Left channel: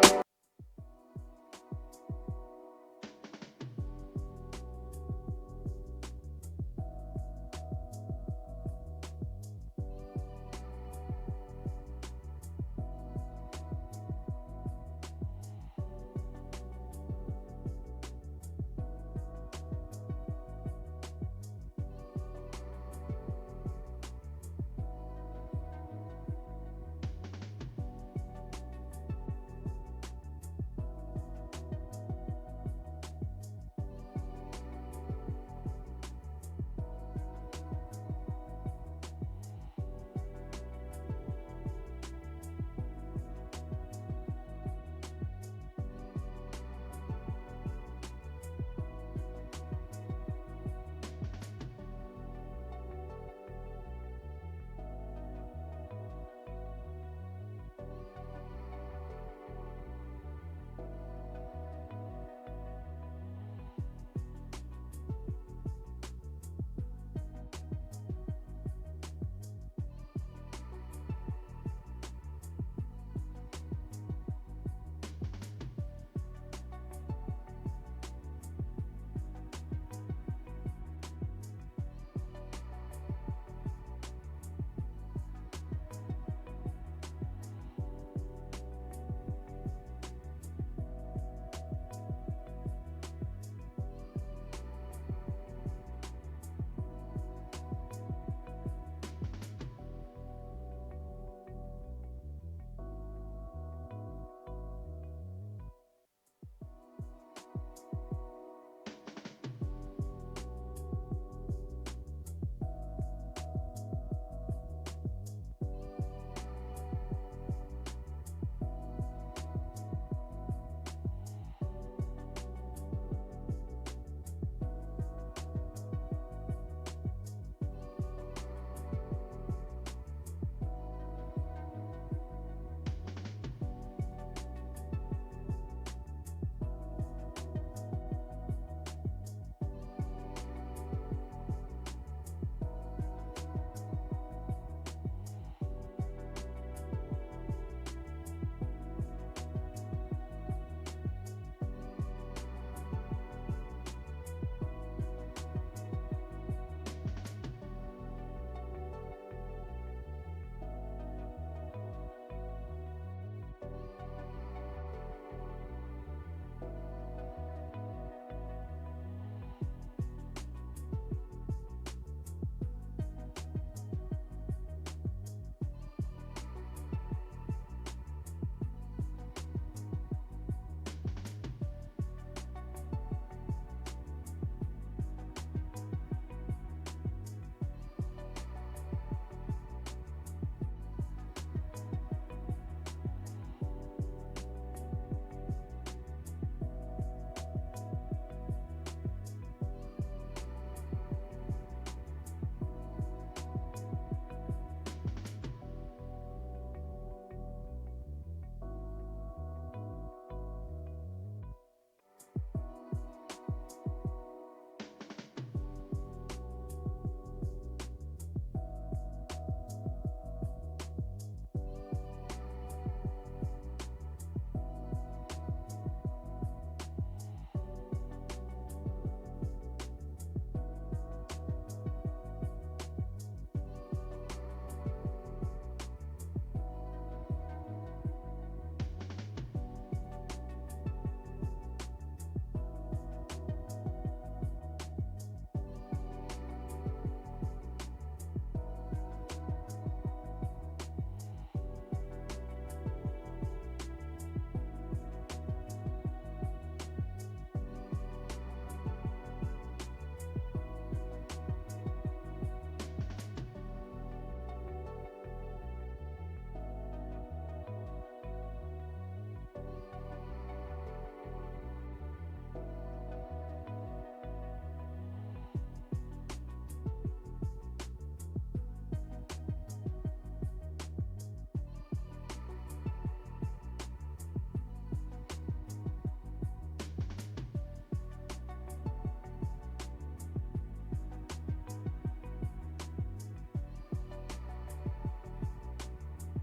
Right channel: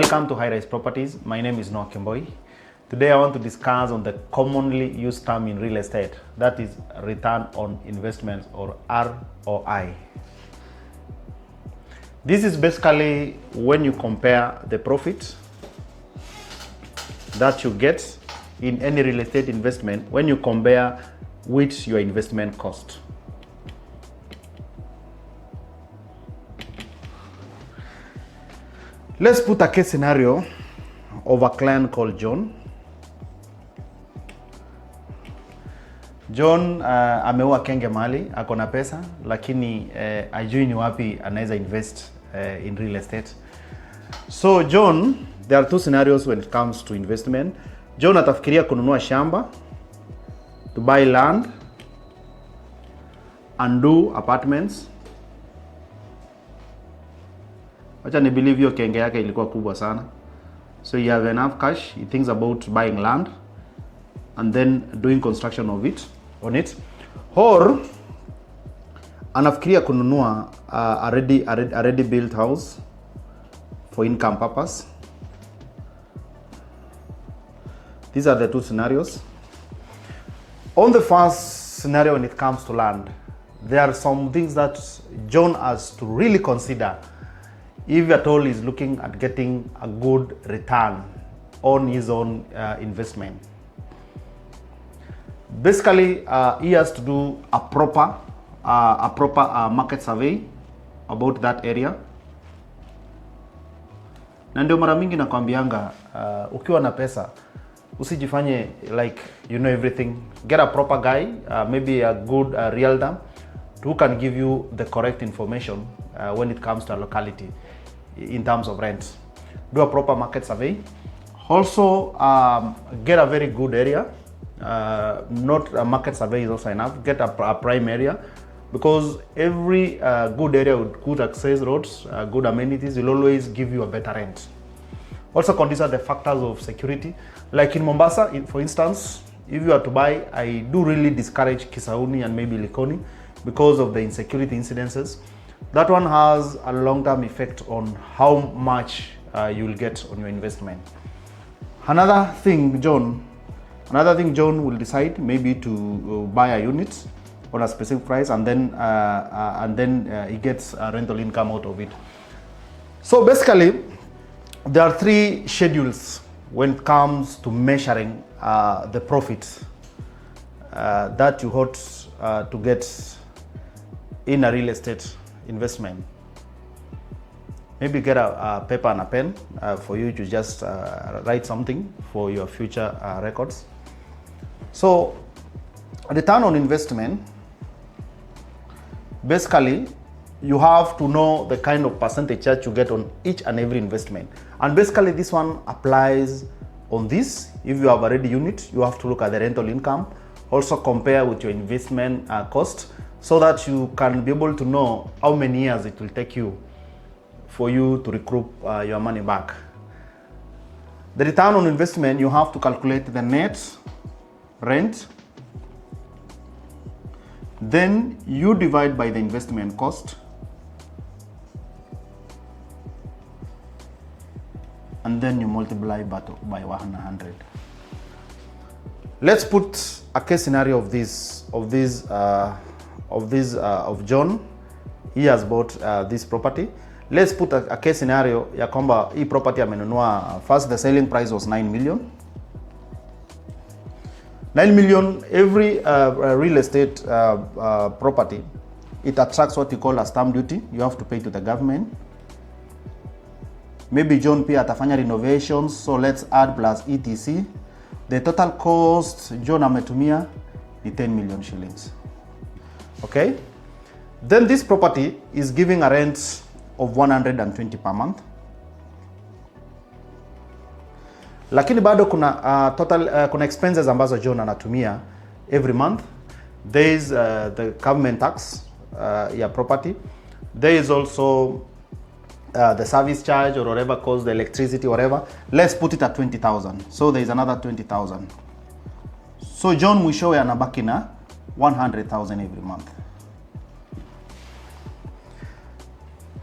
Welcome to Highrise Properties. My name is Kemboi. Today I want to discuss on the commonly used term in real estate, that is return on investments, or ROI. This is basically when you compare the profit that you get in any real estate investment when you compare with your investment cost. Let's put a case scenario of a client called John. John ameua kenge mali, akona pesa, lakini ajui ni wapi anaweza invest in real estate. So John, there are two scenarios when it comes to investment. John atafikiria kununua shamba, to buy land and do apartments. Wacha ni believe hiyo kenge yake ilikuwa kubwa sana. So you have enough cash, he thinks about buying land and then doing construction of it, on it. Or anafikiria kununua a ready built house for income purpose. These are the two scenarios. On the first scenario, when it comes to land, there are some things that John has to really consider if at all is looking at getting a good return on his own investment. Basically, he has to do a proper market survey about that area. Na ndio mara mingi nakwambianga, ukiwa na pesa usijifanye like you know everything. Get a proper guy, maybe a good realtor who can give you the correct information when it comes to a locality in terms of rent. Do a proper market survey. Also, get a very good area. Not a market survey is also enough. Get a prime area, because every good area with good access roads, good amenities will always give you a better rent. Also consider the factors of security. Like in Mombasa, for instance, if you are to buy, I do really discourage Kisauni and maybe Likoni because of the insecurity incidences. That one has a long-term effect on how much you will get on your investment. Another thing John will decide maybe to buy a unit on a specific price, and then he gets a rental income out of it. So basically, there are three schedules when it comes to measuring the profit that you ought to get in a real estate investment. Maybe get a paper and a pen for you to just write something for your future records. So, return on investment, basically, you have to know the kind of percentage that you get on each and every investment. And basically, this one applies on this. If you have a ready unit, you have to look at the rental income, also compare with your investment cost, so that you can be able to know how many years it will take you for you to recoup your money back. The return on investment, you have to calculate the net rent, then you divide by the investment cost, and then you multiply by 100. Let's put a case scenario of John. He has bought this property. Let's put a case scenario ya kwamba hii property amenunua, first the selling price was 9 million. 9 million, every real estate property, it attracts what you call a stamp duty. You have to pay to the government. Maybe John pia atafanya renovations, so let's add plus ETC. The total cost John ametumia ni 10 million shillings. Okay? Then this property is giving a rent of 120 per month. Lakini bado kuna kuna expenses ambazo John anatumia every month. There is the government tax ya property. There is also the service charge or whatever cost, the electricity, whatever. Let's put it at 20,000. So there is another 20,000. So John mwishowe anabaki na 100,000 every month.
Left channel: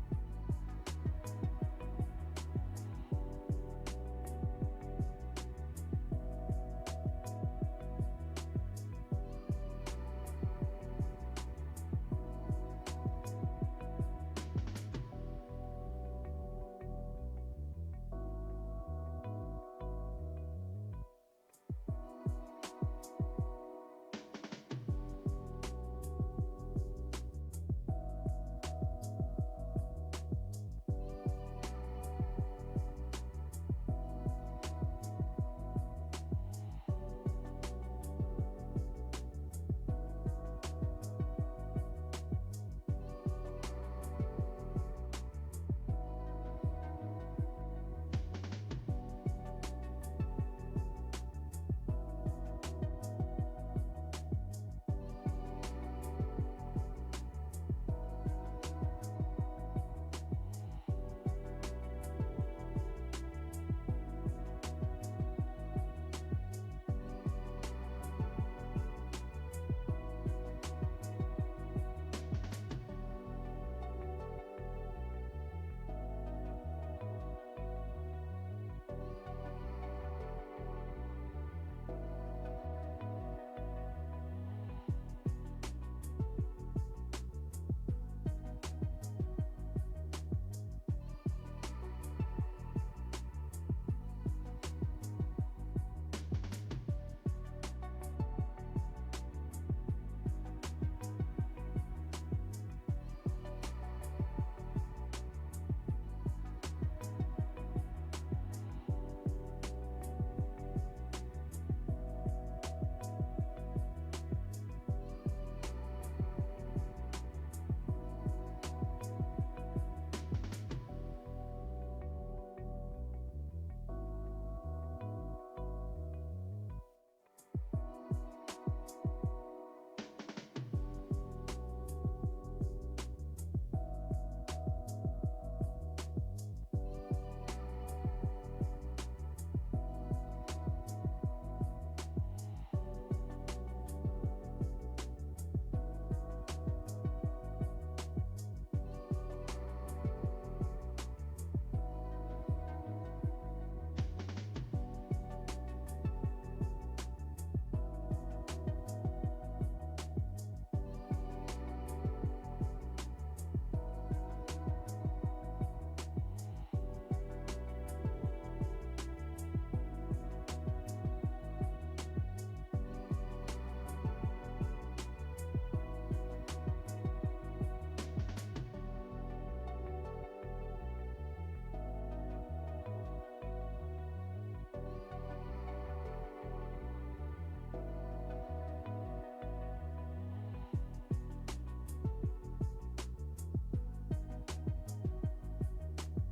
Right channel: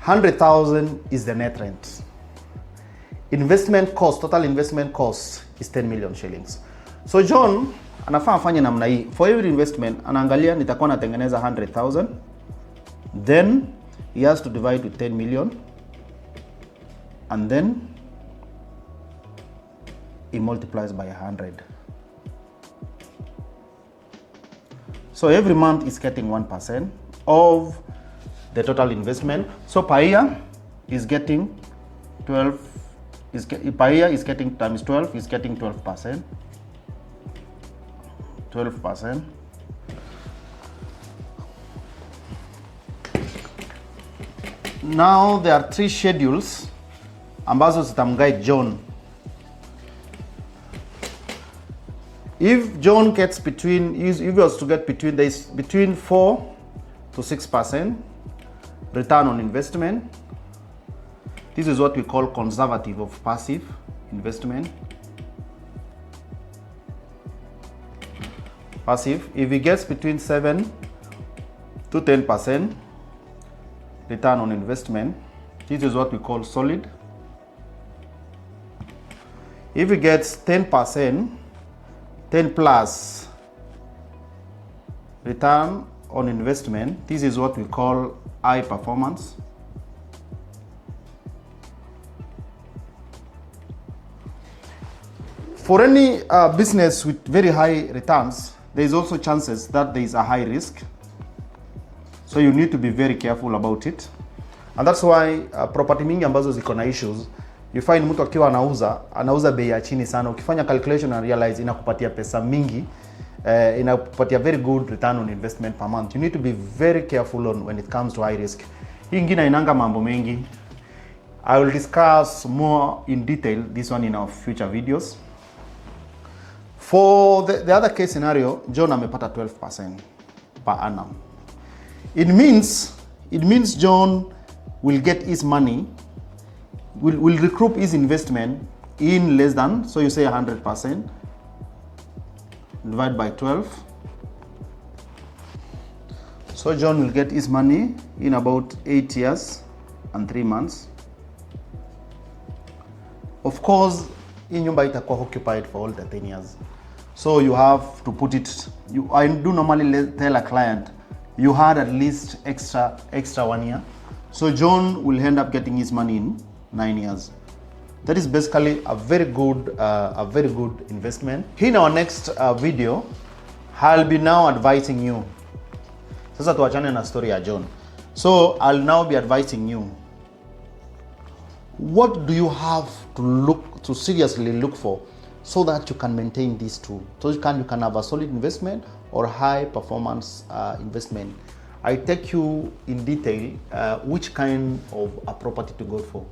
100,000 is the net rent. total investment cost is 10 million shillings. So John anafaa afanye namna hii. For every investment anaangalia nitakuwa natengeneza 100,000, then he has to divide with 10 million, and then he multiplies by 100. So every month he's getting 1% of the total investment. So per year is getting 12. Per year is getting times 12. He's getting 12%. 12%. Now there are 3 schedules ambazo zitamguide John. If John gets if he was to get between 4 to 6% return on investment, this is what we call conservative of passive investment. Passive, if he gets between 7 to 10% return on investment, this is what we call solid. If he gets 10%, 10 plus return on investment, this is what we call high performance. For any business with very high returns, there is also chances that there is a high risk. So you need to be very careful about it. And that's why property mingi ambazo ziko na issues, you find mtu akiwa anauza bei ya chini sana. Ukifanya calculation and realize inakupatia pesa mingi, inakupatia very good return on investment per month. You need to be very careful when it comes to high risk. Hii ingine inanga mambo mengi. I will discuss more in detail this one in our future videos. For the other case scenario, John amepata 12% per annum. It means John will get his money, will recoup his investment in less than, so you say 100%, divide by 12. So John will get his money in about 8 years and 3 months. Of course, hii nyumba itakuwa occupied for all the 10 years. So you have to put it, I do normally tell a client, you had at least extra 1 year. So John will end up getting his money in 9 years. That is basically a very good investment. In our next video, I'll be now advising you. Sasa tuachane na story ya John. So I'll now be advising you. What do you have to seriously look for so that you can maintain these two? So you can have a solid investment or high performance investment. I take you in detail which kind of a property to go for.